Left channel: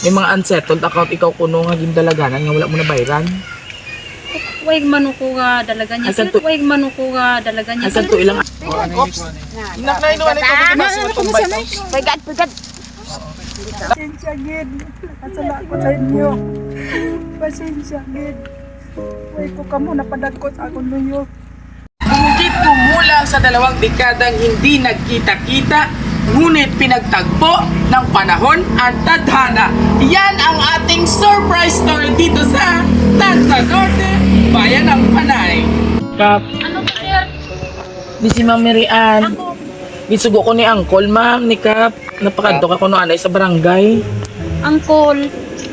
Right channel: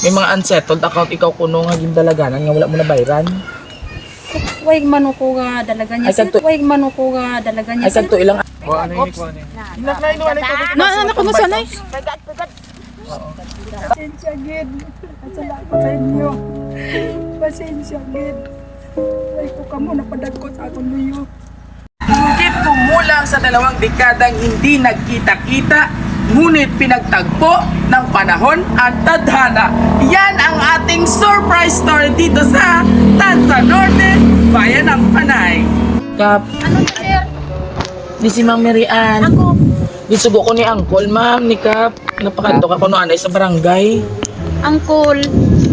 May mga unsettled account ikaw kuno nga gindalaganan nga wala mo na bayran. Way manuko nga dalaga niya. Way manuko nga dalaga niya. Ay kanto ilang. Oops. Inak na inuwan ito ko Ano ko masanay? Pasensya gid. Kasala ko sa inyo. Pasensya gid. Ay ko kamo napadagkot sa akong luyo. Bumukit kumulang sa 2 dekadang hindi nagkita-kita, ngunit pinagtagpo ng panahon ang tadhana. Yan ang ating surprise story dito sa Tansa Norte, Bayan ng Panay. Kap, Ano sir? ni si Ma'am Marian. Ako. Gisugo ko ni Angkol, Ma'am, ni Kap. Napakadto ka kuno anay sa barangay. Angkol.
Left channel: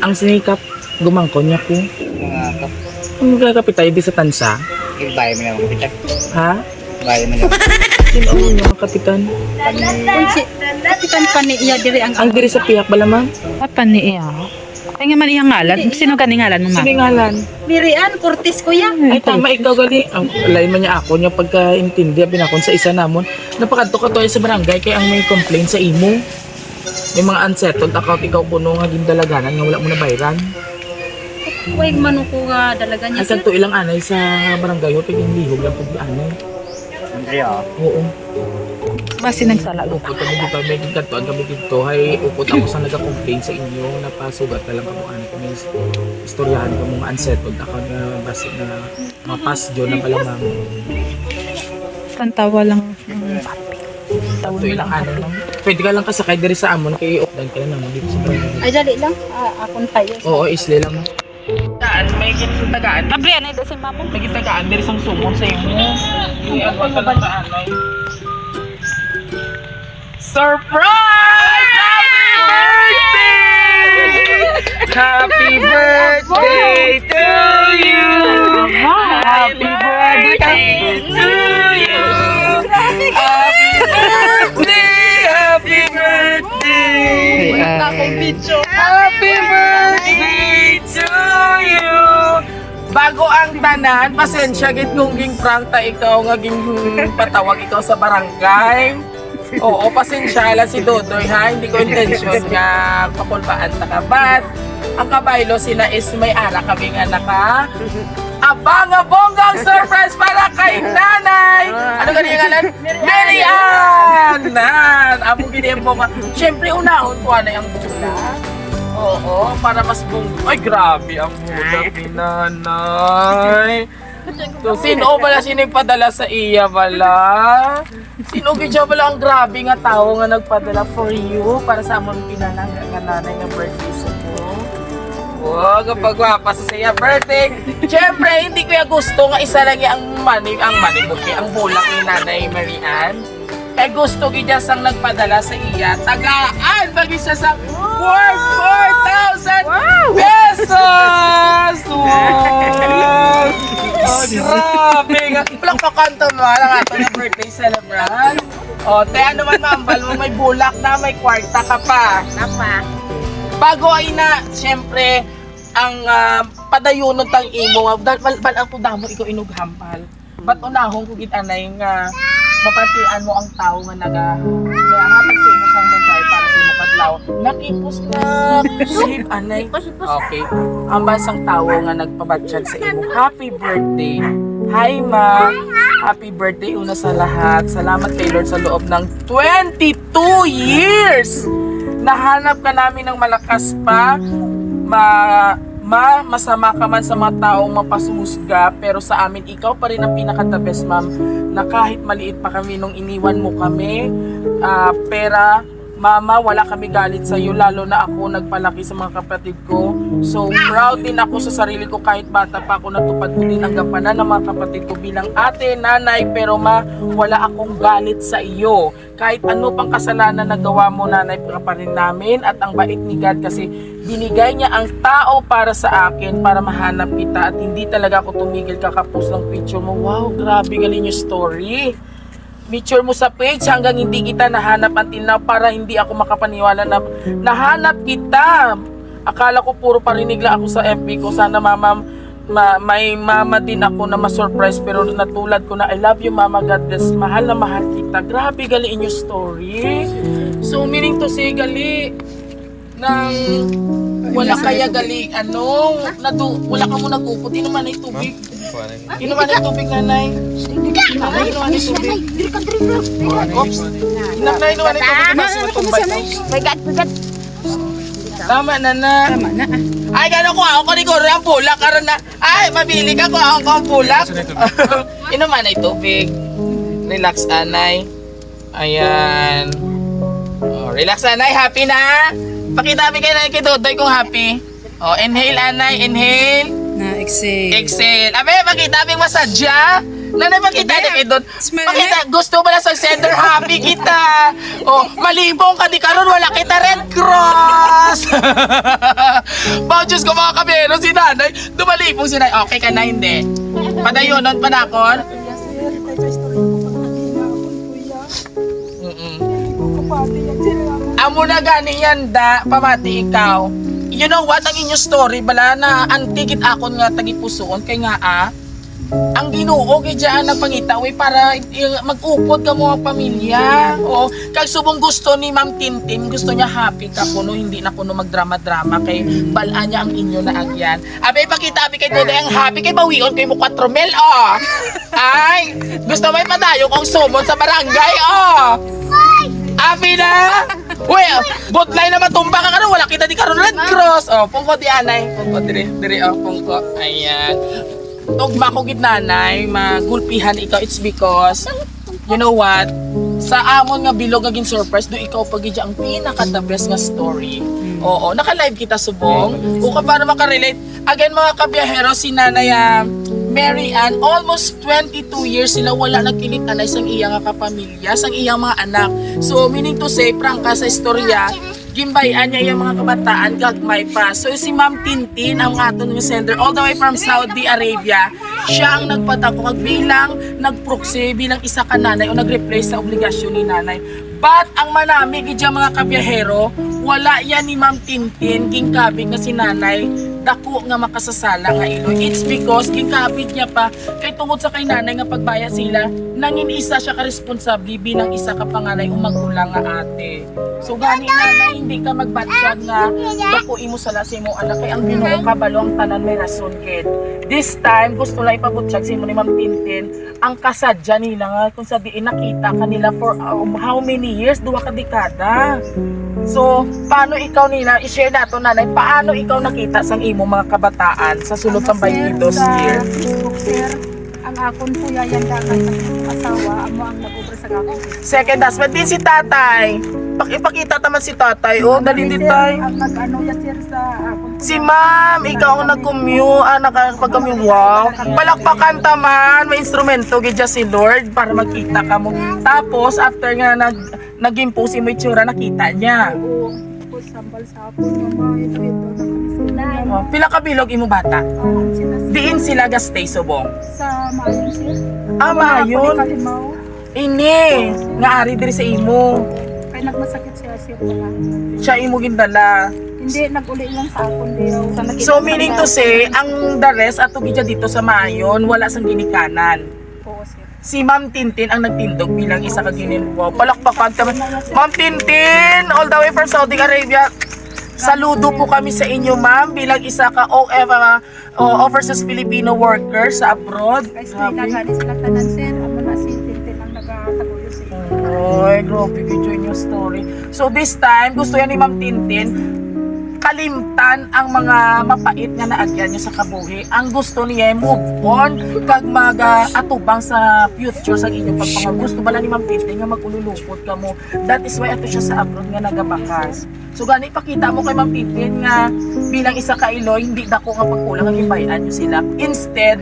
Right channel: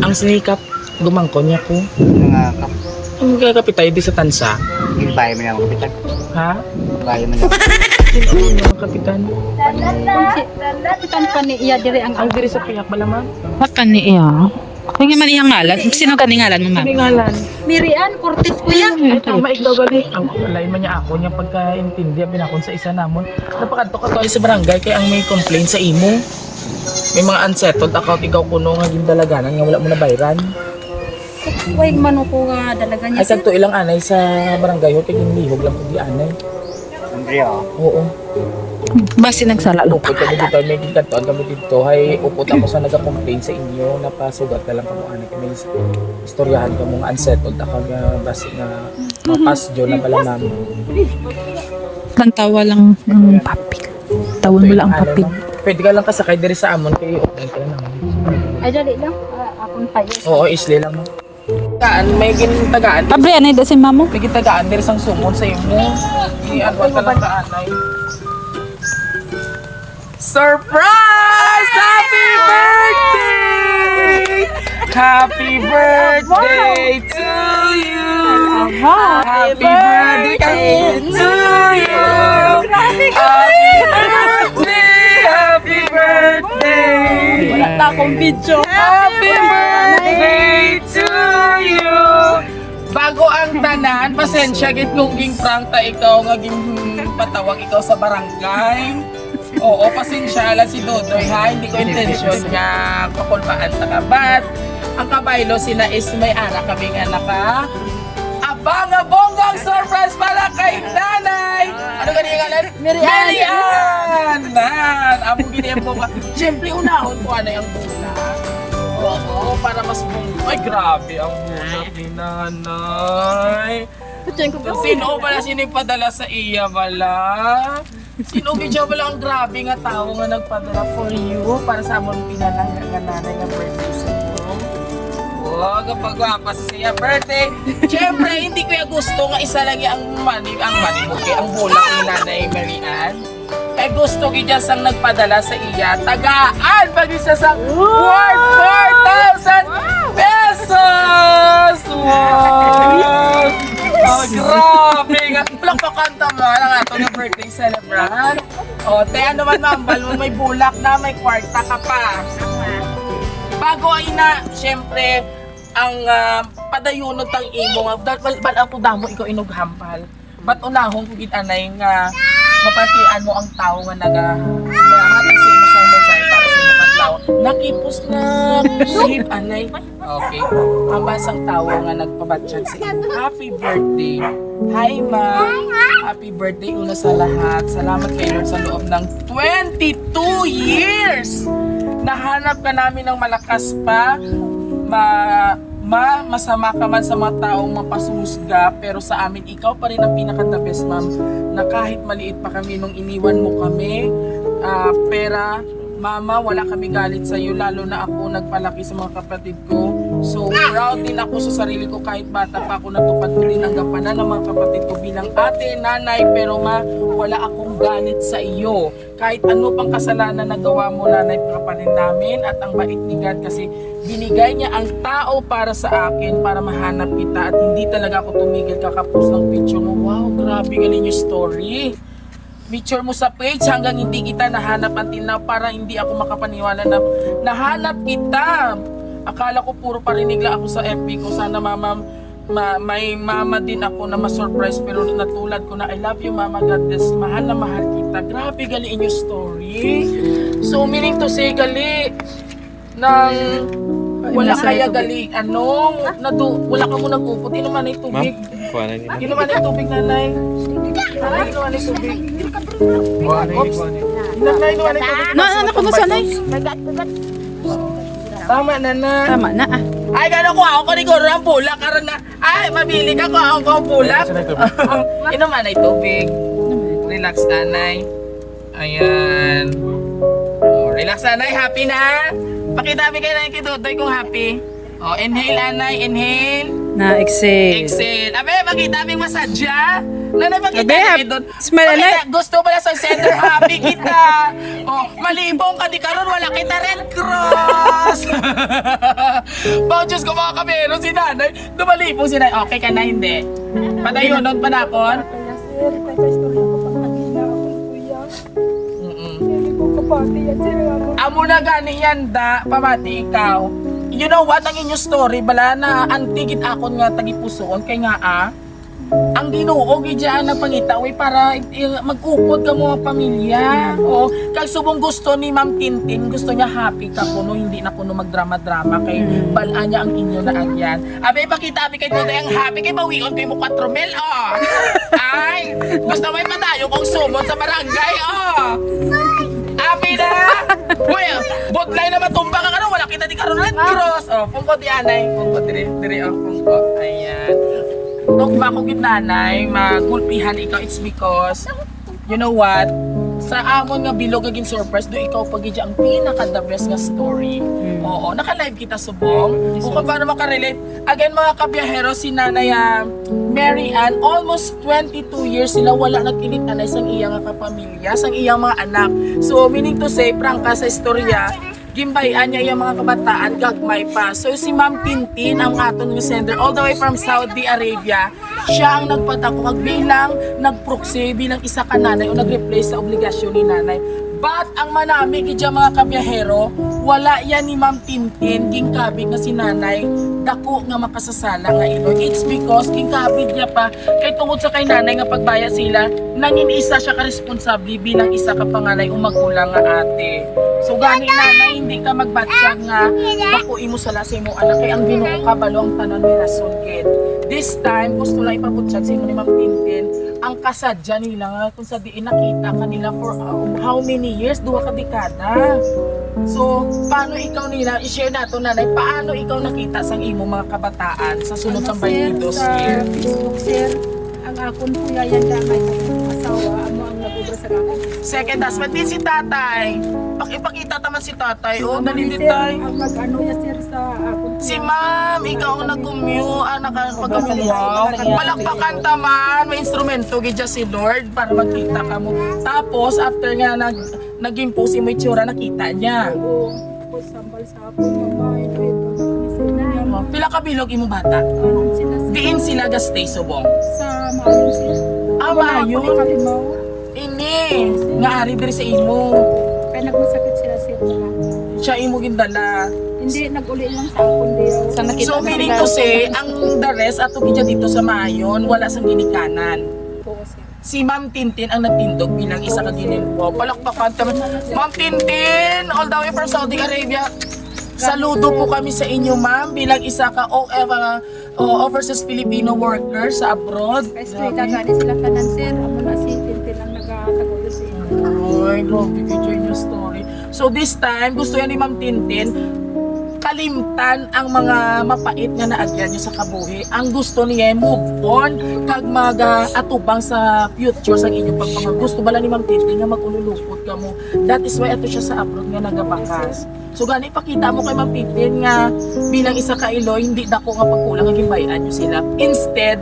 Ang sinikap, gumangkon niya ko. Mga kap, Ang magkakapit tayo di sa Tansa. gilbay mo na mga kapitan. Ha? Bayo mo na. Sino niya ang kapitan? Kunsi. Kapitan pa ni iya diri ang Ang diri sa piyak bala, Ma'am? Makan ni iya. Kaya man iyang ngalan. Sino gani ngalan mo, ma'am? Siningalan. Mirian Cortez kuya. Ay tama ikaw gali. Ang lain man niya ako niya pagkaintindi binakon sa isa namon. Napakadto ka tayo sa barangay kay ang may complaint sa imo. May mga unsettled account ikaw kuno nga gindalaganan nga wala mo na bayran. Way manuko nga dalaga niya. Ay kanto ilang anay sa barangay ho kay ginlihog lang pud di anay. Andrea, Oo. Basi nagsala. Upod kami dito, may ginkantoan kami dito. Hay upod ako sa naga-complain sa inyo na pasugat na lang kamo anak may istoryahan ka mga unsettled account nga basi na mapasjo na pala namin. Nagtawa lang ng papi. Tawon mo lang ang papi. Pwede ka lang kasakay diri sa amon kay updan ka lang naman dito sa barangay. Ay dali lang. Akon tayo. Oo, isli lang mo. Tagaan, may gintagaan. Abri, ano yung si mamo? May gintagaan diri sang sumon sa imo. I-adwan ka lang kaanay. Surprise! Happy birthday! Happy birthday to you! Happy birthday to you! Happy birthday! Happy birthday! Happy birthday to you! Bago ang tanan, pasensya gid kung ging prank ta ikaw nga ging patawag ikaw sa barangay. Oo, pasensya lang si Dodoy ha, hindi ko intention nga pakulbaan ta ka. But ang kabaylo sila is may ara kami nga naka abang-abonggang surprise para kay nanay! Ano ganyan ngalan? Marian! Amo ganyan po ka. Siyempre unahon ko anay ang bula. Oo, para mas ay grabe ang mula ni nanay. So, sino pala sino yung padala sa iya pala? Sino bidyo pala ang grabe nga tao nga nagpadala for you para sa amon pinalang nga nanay na birthday sa iyo? Oh, kapag wapa sa siya birthday. Siyempre, hindi ko gusto nga isa lang ang money buki, ang bulak ni Nanay Marian. Eh gusto ko dyan sang nagpadala sa iya. Tagaan! Pag siya sa worth 4,000 pesos! Wow! Oh, grabe! Walang pakanta man ang ato na birthday celebrant. O, te, ano man mambal mo, may bulak na, may kwarta ka pa. Bago ay na, siyempre, ang padayunod tang imo nga, ba't ang tudamo ikaw inughampal? Ba't unahong kugid anay nga, mapatian mo ang tao nga nagahatag sa imo sang mensahe para sa imo kadlaw. Nakipos na sweet anay. Okay. Ang basang tao nga nagpabatsyag sa imo. Happy birthday. Hi ma. Happy birthday una sa lahat. Salamat kay Lord sa loob ng 22 years. Nahanap ka namin ng malakas pa. Masama ka man sa mga taong mapasusga, pero sa amin ikaw pa rin ang pinaka-the best, ma'am, na kahit maliit pa kami nung iniwan mo kami, pera, mama, wala kami galit sa iyo, lalo na ako nagpalaki sa mga kapatid ko. So proud din ako sa sarili ko kahit bata pa ako, natupad ko din ang gampanan ng mga kapatid ko bilang ate, nanay, pero wala akong galit sa iyo. Kahit ano pang kasalanan na gawa mo, nanay, pa rin namin, at ang bait ni God kasi binigay niya ang tao para sa akin para mahanap kita, at hindi talaga ako tumigil kakapos ng picture mo. Wow, grabe galing yung story. Picture mo sa page hanggang hindi kita nahanap until now, para hindi ako makapaniwala na nahanap kita. Akala ko puro parinig lang ako sa FB ko. Sana mama, may mama din ako na ma-surprise, pero natulad ko na I love you mama, God bless, mahal na mahal kita. Grabe gali inyong story. So meaning to say gali ng Wala kaya galing, wala ka mo nag-upot. Inuman na yung tubig. Inuman na yung tubig, nanay. Nanay, inuman na yung tubig. Oops. Inuman na yung tubig. Ano ko masanay? Tama na na. Tama na ah. Ay, gano'n ko ako ni Goro ang pulak. Karoon na, ay, mabili ka ko ang pulak. Inuman na yung tubig. Relax, anay. Ayan. Oh, relax, anay. Happy na? Pakita kayo na kay Dodoy kung happy. Oh, inhale, anay. Inhale. Na exhale. Exhale. Abe, makita mo yung masadya. Nanay, makita Abe, na kay Dodoy. smile, Makita, gusto mo na sa center. Happy kita. Oh, malibong ka di karon wala kita Red Cross. Oh, Diyos ko mga kabero, si nanay. Dumalibong si nanay. Okay ka na, hindi. Padayonon, panakon. Kaya sir, kaya istorya ko pag nakina ako, kuya. Hindi ko kapati yan, sir. Amo na gani yan da, pamati ikaw. You know what, ang inyong story, bala na antigit akon nga tagipusoon, kay nga ang Ginoo gidyan nagpangita para mag-upod ka mo ang pamilya. O kag subong gusto ni Ma'am Tintin, gusto niya happy ka kuno, hindi na kuno magdrama-drama kay balaan niya ang inyo na agyan. Abe pakita abi kay Dodoy ang happy kay bawion kay mo 4 mil oh. Ay, gusto mo ipadayo kong sumod sa barangay oh. Happy na! Well, botline na matumba ka karon, wala kita di karon Red Cross. Oh, pungko di anay, pungko diri oh, pungko. Ayan. Tugma ko gid nanay, magulpihan ikaw, it's because you know what? Sa amon nga bilog aging surprise do ikaw pagidya ang pinaka the best nga story. Oo, naka-live kita subong. O para maka-relate. Again mga kabiyahero, si Nanay Mary Ann, almost 22 years sila wala nagkilit anay sang iya nga kapamilya, sang iyang mga anak. So meaning to say, prangka sa istorya, gimbayan niya yung mga kabataan gagmay pa. So si Ma'am Tintin ang aton ng sender all the way from Saudi Arabia. Siya ang nagpatako kag bilang nagproxy bilang isa ka nanay o nag-replace sa obligasyon ni nanay. But ang manami gidya mga kabiyahero, wala yan ni Ma'am Tintin gingkabig nga si nanay dako nga makasasala nga iloy. It's because gingkabig niya pa kay tungod sa kay nanay nga pagbaya sila nangin isa siya ka responsable bilang isa ka panganay o magulang nga ate. So gani nanay hindi ka magbatsyag nga dako imo sala sa imo anak kay ang Ginoo kabalo ang tanan may rason kid. This time gusto lang ipabutsyag sa imo ni Ma'am Tintin ang kasadya nila nga kung sa diin nakita kanila for how many years, 2 ka dekada. So, paano ikaw nila, i-share nato nanay, paano ikaw nakita sang imo mga kabataan sa sulod sa 22 sa years? Facebook, sir, ang akon kuya yan dangay ng asawa, amo ang nag-ubra sa akon. Second husband din si tatay. Ipakita naman si tatay. Oh, dali din Sir, tayo. ang nag-ano ya sir sa akon. Si ma'am, ikaw ang nag-commute, nakapag-commute. Wow. Palakpakan taman, may instrumento gidya si Lord para magkita ka mo. Tapos, after nga nag-impose mo itsura, nakita niya. Oo, tapos sambal sa akon, mama, ito, nakalisina. Oh, pila ka bilog imo bata? Sila Diin sila gastay subong. sa Maayon, sir. Ah, Ako ni Maayon. Kalimaw. Ini, nga ari diri sa imo. Kaya nagmasakit sila, sir, pala. Siya imo gindala. Hindi, nag-uli lang sa akon diyo. So meaning to say, ang the rest ato gidya dito sa Maayon, wala sang ginikanan. Oo, sir. Si Ma'am Tintin ang nagtindog bilang isa ka ginilwa. Palakpakan ta. Ma'am Tintin, all the way from Saudi Arabia. Saludo po kami sa inyo, ma'am, bilang isa ka overseas Filipino worker sa abroad. Kaya sila gani sila tanan, sir. Amo na si Tintin ang nagatagulo sa inyo. Ay, grabe video yung story. So this time, gusto yan ni Ma'am Tintin, kalimtan ang mga mapait nga naagyan nyo sa kabuhi. Ang gusto niya move on kag mag-atubang sa future sa inyong pagpangag. Gusto bala ni Ma'am Tintin nga magululupot ka mo. That is why ato siya sa abroad nga nagabakas. So gani pakita mo kay Ma'am Tintin nga bilang isa ka Iloy, hindi dako nga pagkulang nga gibayan nyo sila. Instead,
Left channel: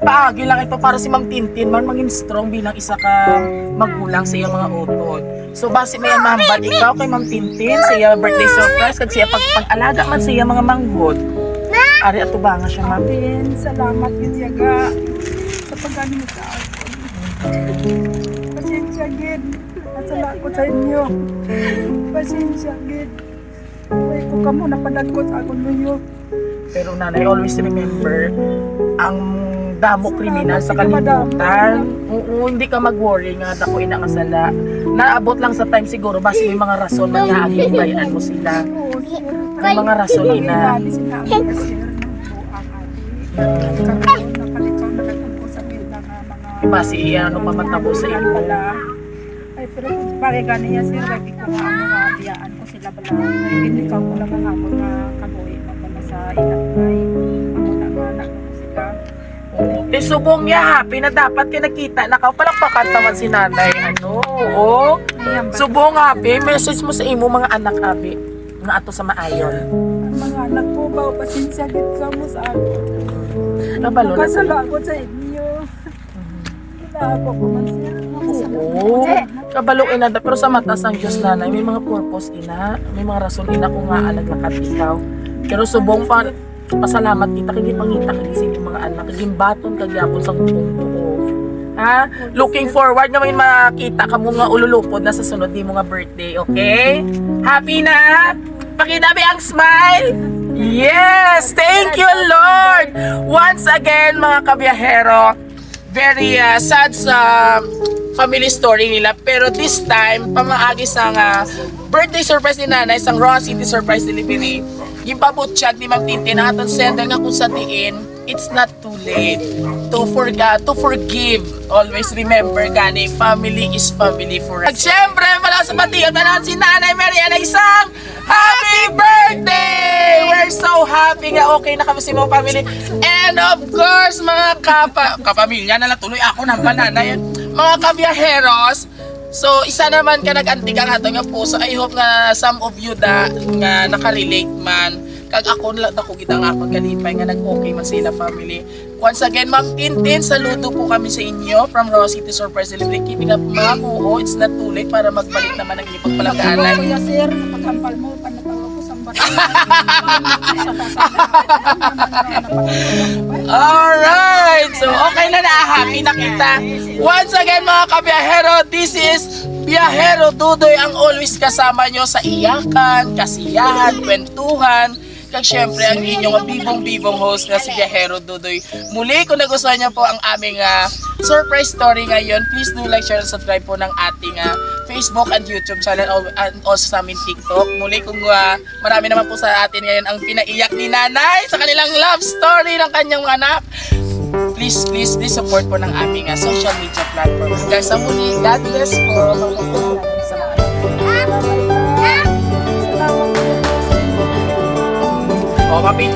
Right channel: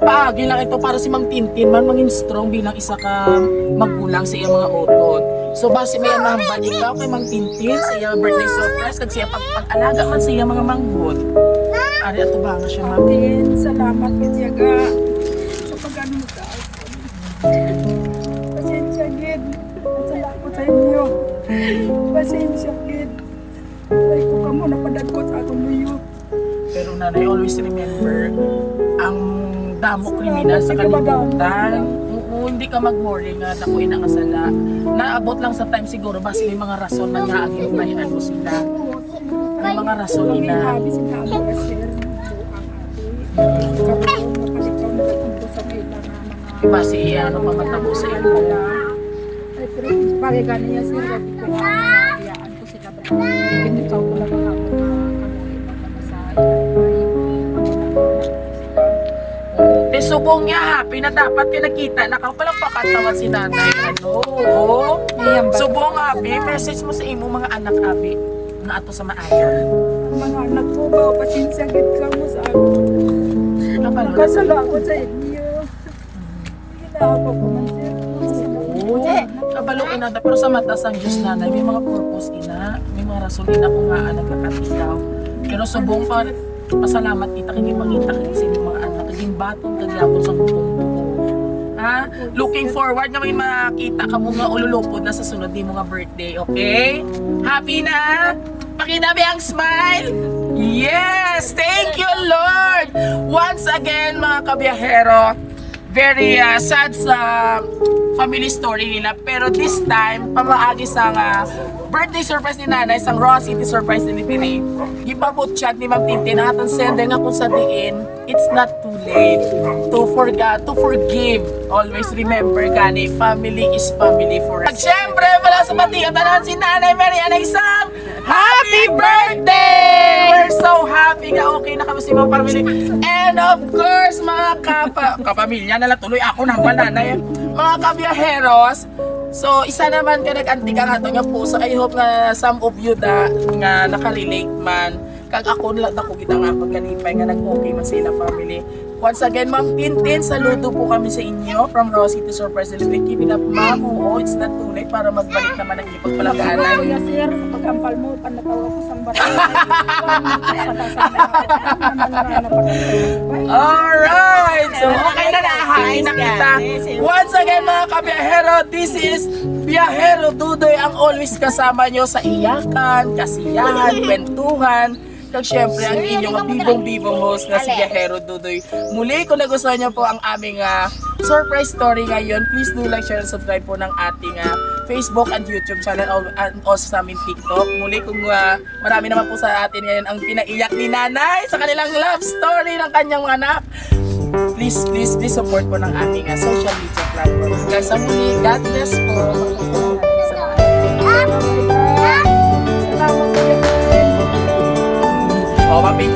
paagi lang ito para si Ma'am Tintin man mangin strong bilang isa ka magulang sa iyang mga utod. So base may mahambad ikaw kay Ma'am Tintin sa iyang birthday surprise kag siya pag-alaga man sa iyang mga manghod. Ari ato ba nga siya, ma'am? Tin, salamat Kitiyaga sa pag-ano mo sa akon. Pasensya gid. Nasala ko sa inyo. Pasensya gid. Ay ko kamo napadagkot sa akon luyo. Pero nanay, always remember ang damo kriminal sa Salamat, kalibutan. Oo, hindi ka mag-worry nga dako inakasala. Naabot lang sa time siguro base may mga rason man nga aging bayan mo sila. Oo, sir. May mga rasolina. Panginabi sinabi ka sir ng buang ate. Karoon na palikaw na naging ko sa ilang mga Basi ano mamatabo sa ilo. bala. Ay pero kung bagay ganiya sir, wagi ko nga mga biyaan ko sila bala. Ay ginikaw ko lang ang mga kabuhi na bala sa ilang bay. Ano na ko sila. Eh subong niya happy na dapat ka nakita na ka palang pakataman si nanay. Ano? Oo. Ayan ba? Subong happy, message mo sa imo mga anak abi na ato sa maayon. Ang mga anak ko ba, pasensya gid ka mo sa ako. Kabalo. Nakasala ako sa inyo. Ginaako ko man sir. Nakasala man ako sa anak. Kabaluin na pero sa mata sang Diyos nanay may mga purpose ina, may mga rason ina kung nga nagkakatikaw. Pero subong pa pasalamat kita kay mangita kay sini mga anak kay baton kagyapon sa buong buo. Ha? Looking forward nga may makita ka mo nga ululupod na sa sunod ni mga birthday, okay? Happy na? Pakinabi ang smile? Yes! Thank you, Lord! Once again, mga kabiyahero, very sad sa family story nila. Pero this time, pamaagi sa birthday surprise ni nanay, sang Raw City Surprise Delivery. Yung pabutsyag ni Ma'am Tintin, ang atong sender nga kung sa diin, it's not too late to forgive. Always remember, gani, family is family forever. At syempre, wala sa batiyo, tanan si Nanay Mary Ana isang happy birthday! We're so happy nga okay na kami si mga family. And of course, mga kapamilya na lang tuloy ako ng banana yan. Mga kabiyaheros, so isa naman ka nag-antig ang ato nga puso. I hope nga some of you da nga nakarelate man. Kag ako lang ako kita nga akong kalipay nga nag-okay man sila family. Once again, Ma'am Tintin, saludo po kami sa inyo from Raw City Surprise Delivery. Keeping up, Ma'am. Oo, it's not too late para magbalik naman ang iyong Ako pagpalagaanan. kuya sir, pagkampal mo, panatawa ko sang barangay. Alright! So, okay na happy na kita. Once again, mga kabiyahero, this is Biyahero Dudoy ang always kasama nyo sa iyakan, kasiyahan, kwentuhan. Kag syempre ang inyong bibong-bibong host na si Biyahero Dudoy. Muli, kung nagustuhan nyo po ang aming surprise story ngayon, please do like, share, and subscribe po ng ating Facebook and YouTube channel and also sa aming TikTok. Muli, kung marami naman po sa atin ngayon ang pinaiyak ni nanay sa kanilang love story ng kanyang anak. Please support po ng aming social media platforms. Guys, sa muli, God bless po. Sa mga anak. Oh, papi.